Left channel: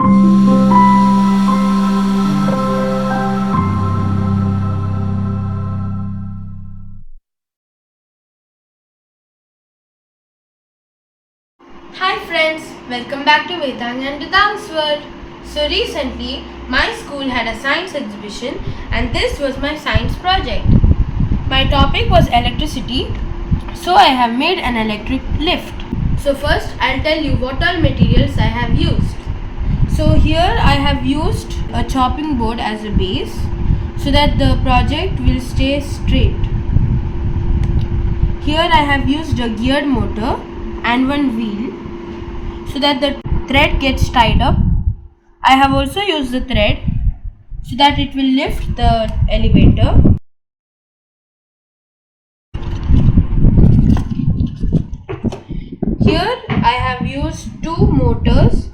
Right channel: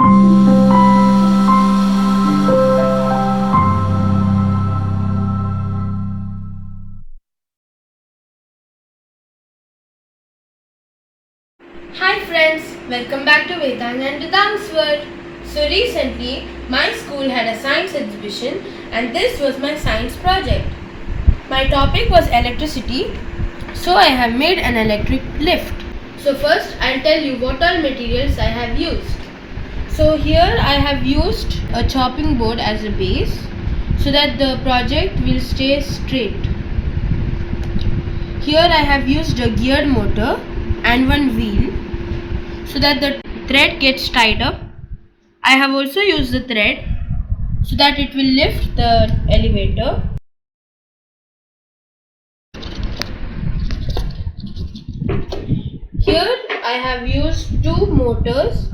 Hi friends, welcome back to vedangandridhangsworld. So recently, my school had a science exhibition and this was my science project. My topic was electricity, so I have made an electric lift. So first, I'll tell you what all materials I have used. So here I have used a chopping board as a base so that the project will stay straight. Here I have used a geared motor and one wheel so that the thread gets tied up. I have also used the thread so that it will lift the elevator. Here I have used two motors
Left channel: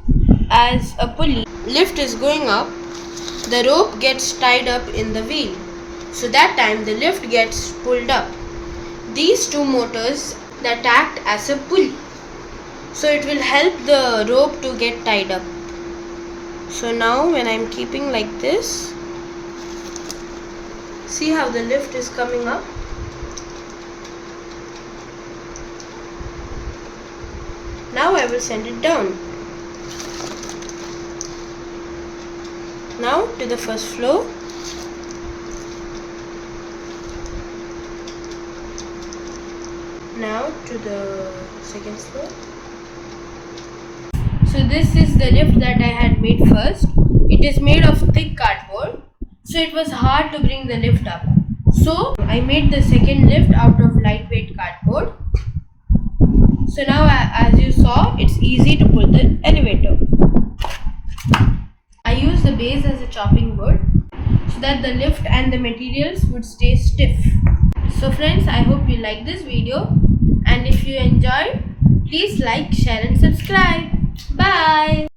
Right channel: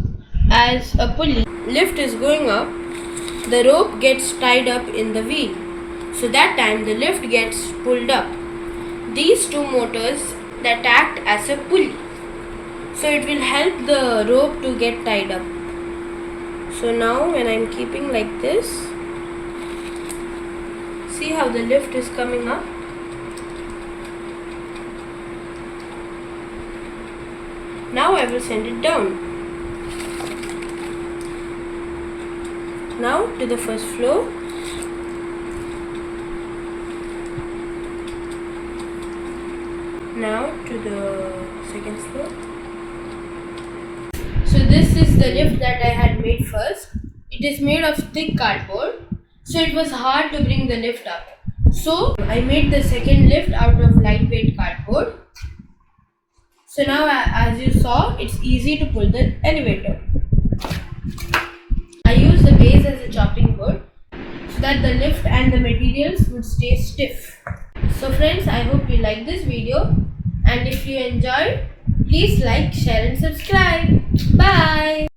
as a pulley. Lift is going up, the rope gets tied up in the wheel. So that time the lift gets pulled up. These two motors that act as a pulley. So it will help the rope to get tied up. So now when I am keeping like this, see how the lift is coming up? Now I will send it down. Now to the first floor. Now to the second floor. So this is the lift that I had made first. It is made of thick cardboard, so it was hard to bring the lift up. So I made the second lift out of lightweight cardboard. So now as you saw, it's easy to pull the elevator. I used the base as a chopping board so that the lift and the materials would stay stiff. So friends, I hope you like this video, and if you enjoyed, please like, share and subscribe. Bye.